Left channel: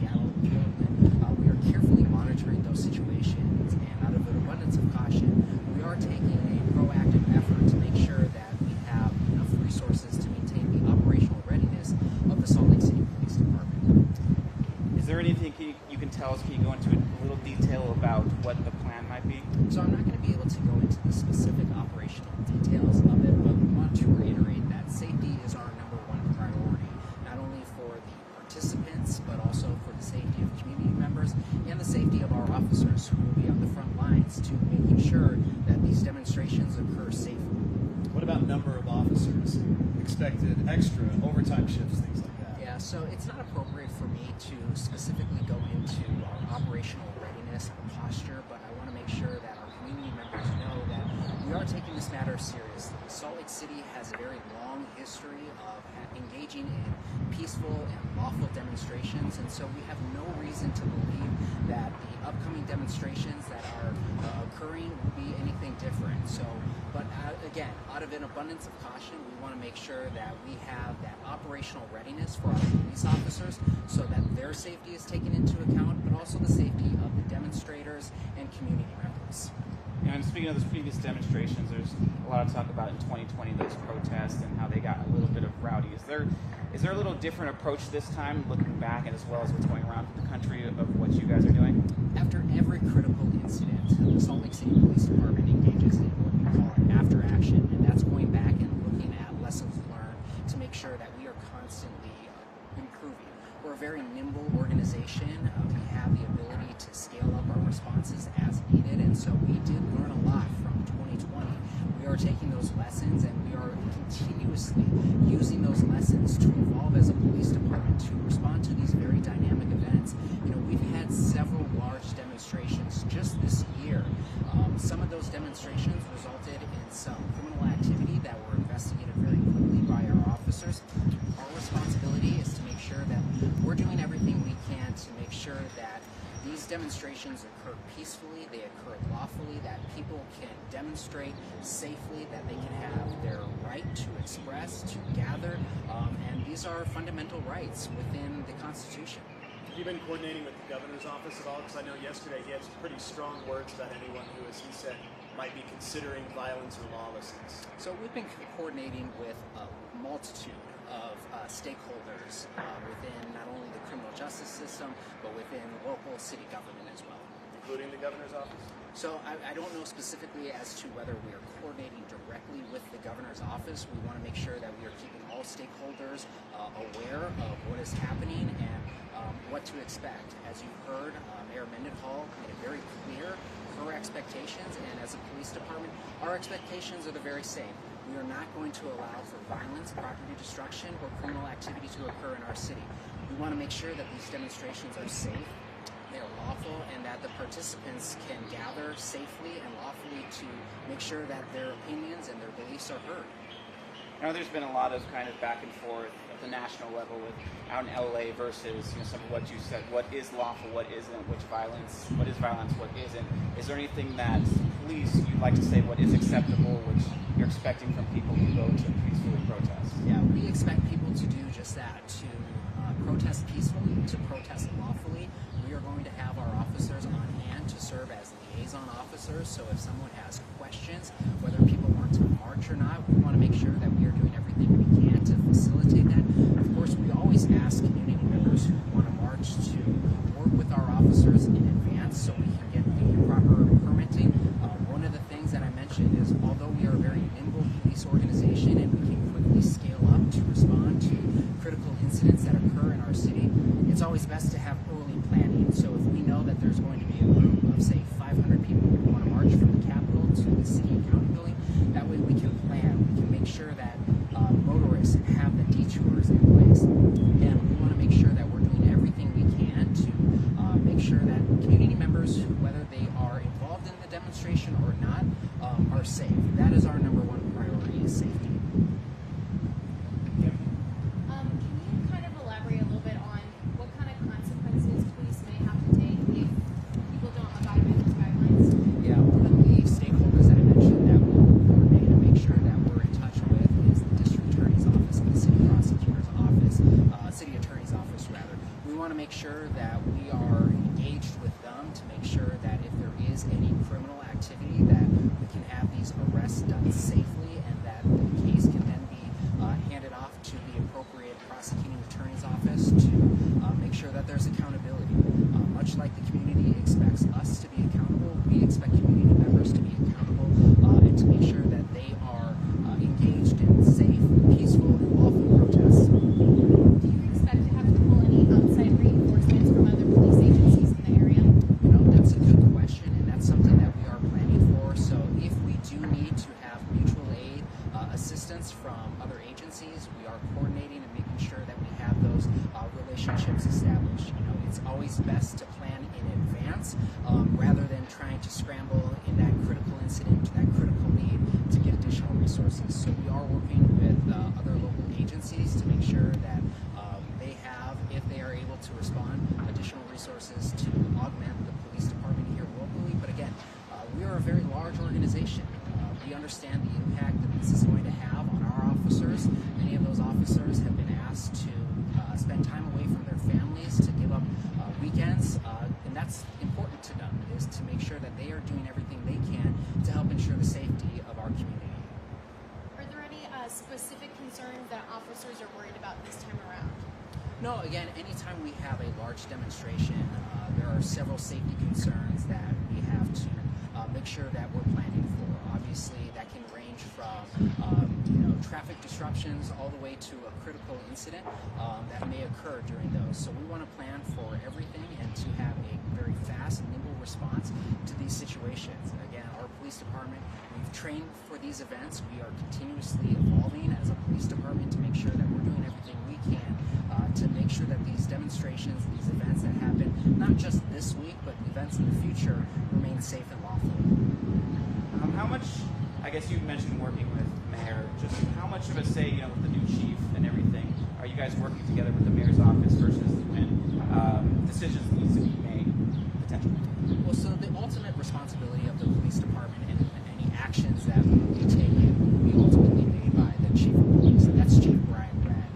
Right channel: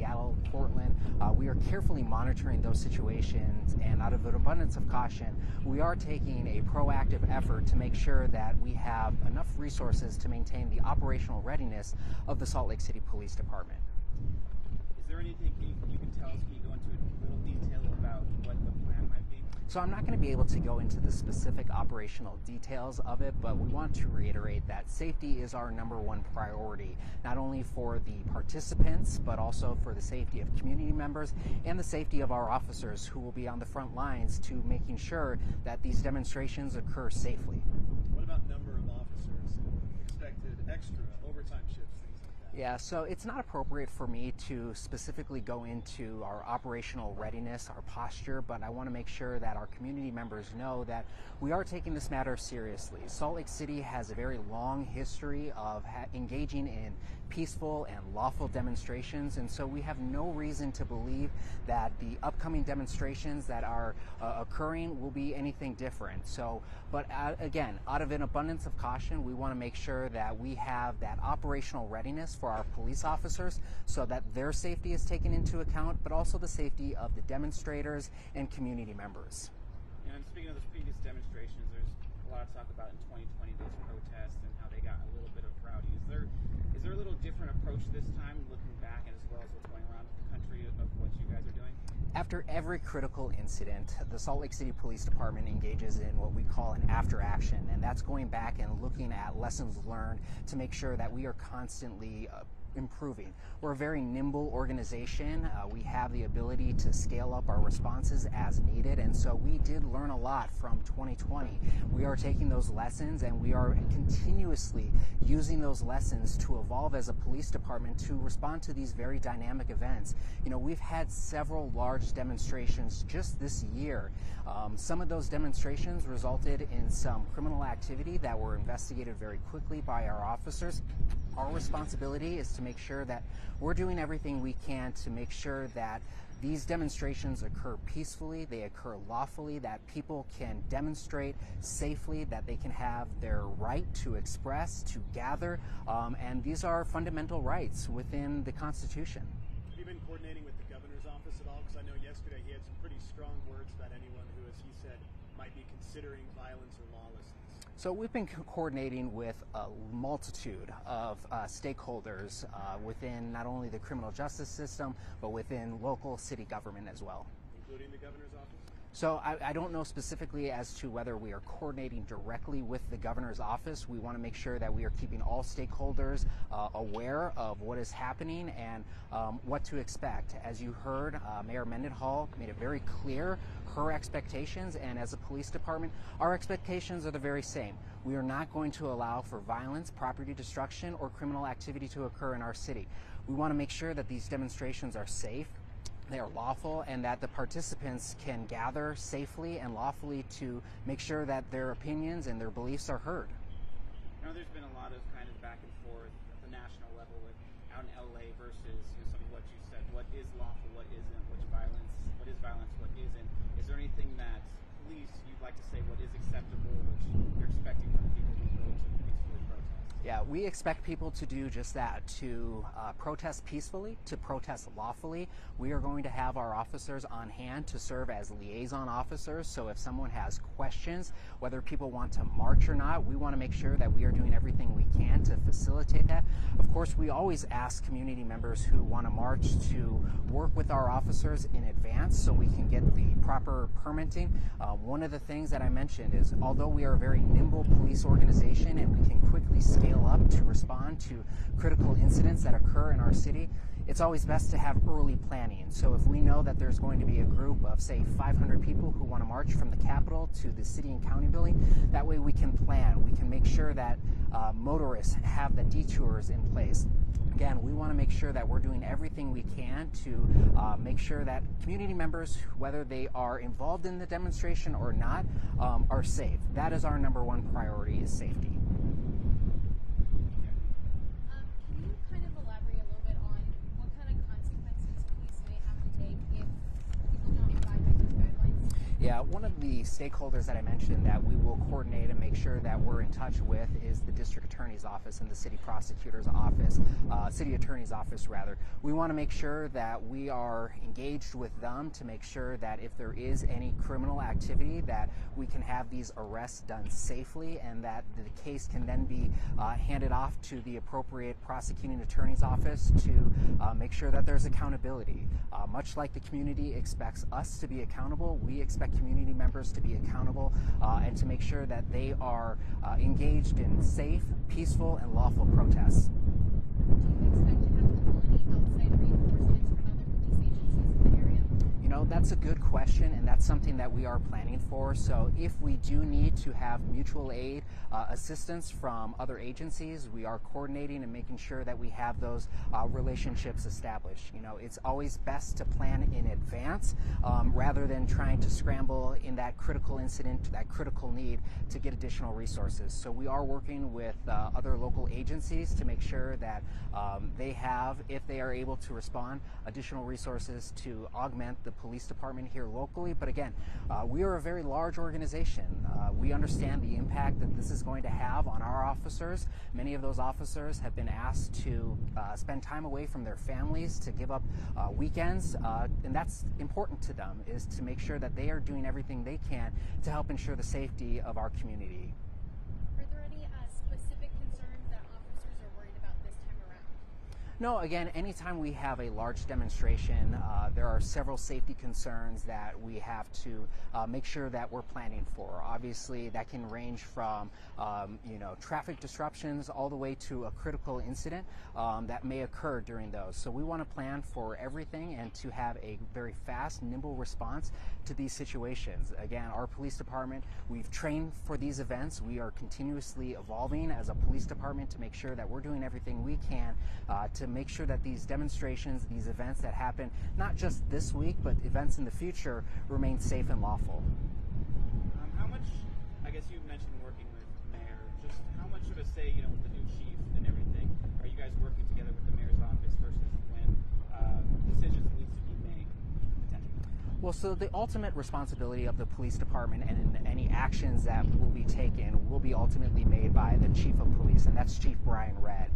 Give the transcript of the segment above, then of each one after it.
Seattle, Portland. We are carefully monitoring those situations, and out of an abundance of caution, we are taking a proactive effort to make sure that we have enough resources to maintain the operational readiness of the Salt Lake City Police Department. Is there anything you can tell us? Can you go into a little detail about what the plan might be? So I'm not going to be able to go into the specific operational details of it, but we want to reiterate that safety is our number one priority, not only for the participants, but also for the safety of community members and the safety of our officers who will be on the front lines to making sure that these demonstrations occur safely. What about number of officers? Expected extra overtime shifts, things like that? Yeah, so it's not appropriate for me to specifically go into our operational readiness, our posture, but I want to make sure that our community members know that we are taking this matter seriously. Salt Lake City has a very long history of engaging in peaceful and lawful demonstrations, and so we have no reason to believe that the upcoming demonstrations that are occurring will be anything different. But again, out of an abundance of caution, we want to make sure that we have that operational readiness for our police officers so that their safety is taken into account, but also the safety of the demonstrators and community members. And speaking of those previous demonstrations, there's a lot of talk about in 2020 those protests and how they got a little bit of rowdy. Is there a little different approach this time, looking back and as well as what's going around the country of what you guys are doing? After every critical incident, the Salt Lake City Police Department engages in what we call an after action, and that's going back and looking at lessons learned to make sure that we are constantly improving. We're a very nimble organization. We have the ability to scale up our responses as needed, and so we did learn a lot from 2020. We are taking those lessons and we are continuously using those lessons to evolve as a police department to respond to these very dynamic events. You know, we've had several large demonstrations just this year. Some of those demonstrations resulted in some criminal activity that were investigated very quickly by our officers. Our responsibility is to make sure that we're doing everything we can to make sure that these demonstrations occur peacefully, they occur lawfully, that people can demonstrate safely, that they can have their right to express, to gather, and these are fundamental rights within the Constitution. Have you been coordinating with the governor's office at all? Because I know yesterday he had some pretty strong words about anyone who, as he said, might be considering violence or lawlessness. So we've been coordinating with a multitude of stakeholders within not only the criminal justice system, but within local city government as well. Including the governor's office? So I don't know specifically as to whether we are coordinating directly with the governor's office. We want to make sure that we are keeping all stakeholders aware of what is happening and what to expect. As you heard, Mayor Mendenhall made it very clear her expectations, and as a police department, our expectations are the very same. We are not going to allow for violence, property destruction, or criminal activity to occur in our city. We want to make sure that these demonstrations are safe, they are lawful, and that the participants can gather safely and lawfully to make sure that their opinions and their beliefs are heard. I know there's been a lot of kind of back and forth at the national level with out in LA versus some of what you said. What is lawful, what isn't, what is violence, what isn't. Is there anything that police you'd like to say what is acceptable, which you're expecting from people who go to peacefully protest? Yeah, we expect people to do just that, to protest peacefully, to protest lawfully. We are going to have our officers on hand to serve as liaison officers, so if someone has questions, whether people want to march or not, we want to make sure that we are doing everything we can to facilitate that. Of course, we always ask community members who want to march to work with our officers in advance so we can get the proper permitting. One of the things that I mentioned is, although we are a very nimble police organization and we can quickly scale up to respond to critical incidents that occur in our city, it's always best to have early planning. So if we know that there's going to be a group of, say, 500 people who want to march from the Capitol to the city and county building, that way we can plan. We can make sure that motorists have the detours in place. Again, we want to make sure that we're doing everything we can to make sure that community members, whether they are involved in the demonstration or not, are safe. That is our number one priority, is safety. Can you kind of elaborate a little bit on what kind of consequences police may have to take if people don't abide by those guidelines? Yeah, one of the stakeholders that I mentioned that we will coordinate and make sure that we're in touch with is the district attorney's office and the city prosecutor's office. city attorney's office rather. We want to make sure that we are engaged with them to make sure that if there is any criminal activity, that we can have these arrests done safely, and that the case can then be handed off to the appropriate prosecuting attorney's office to make sure that there's accountability. Much like the community expects us to be accountable, we expect community members to be accountable and to make sure that they are engaged in safe, peaceful, and lawful protests. Do you expect to have to pull any outside reinforcements from other police agencies in the area? You know, that's a good question, and that's something that we are planning for. So if we do need to have mutual aid assistance from other agencies, we are coordinating and making sure that we have those relationships established. You know, it's always best to plan in advance rather than trying to scramble in that critical incident, that critical need to get additional resources. So we are working with other local agencies to make sure that they have, if they are able to respond, additional resources to augment the police department here locally. But again, we are a very large organization. We understand the impact that this is going to have on our officers. Many of those officers have been asked to spend time away from their families, to give up weekends, and that's important to them, is to make sure that they are doing everything they can to help ensure the safety of our community. Are there any specific concerns that officers are worried about this time around? No, again, anytime we have a large demonstration, there are several safety concerns that we have to make sure that we're planning for. Obviously, that can range from traffic disruptions all the way to a critical incident that may occur during those. So we want to plan for everything and to have a very fast and nimble response to these situations. Again, our police department, we've trained for these events. We are continuously evolving as a police department to make sure that we're doing everything we can to make sure that these demonstrations, these events that happen, not just this week, but events in the future, remain safe and lawful. How much, I guess you mentioned working with the mayor, just how much of a say, with the new chief and everything, are you guys working together with the mayor's office versus when decisions need to be made, potentially? Well, so the ultimate responsibility of the police department and any actions that will be taken will be ultimately made by the chief of police, and that's Chief Brian Redd.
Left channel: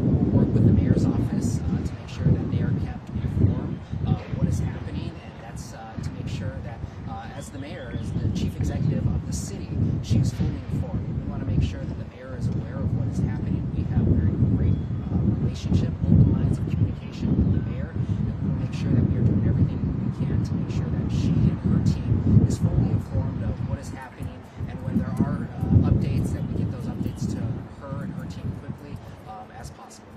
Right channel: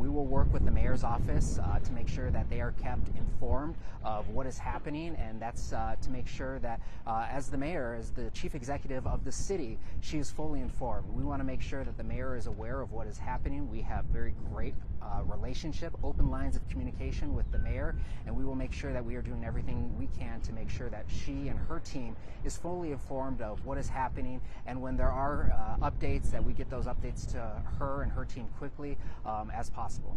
We will work with the mayor's office to make sure that they are kept informed of what is happening, and that's to make sure that as the mayor, as the chief executive of the city, she is fully informed. We want to make sure that the mayor is aware of what is happening. We have very great relationship, open lines of communication with the mayor, and we will make sure that we are doing everything we can to make sure that she and her team is fully informed of what is happening, and when there are updates, that we get those updates to her and her team quickly as possible.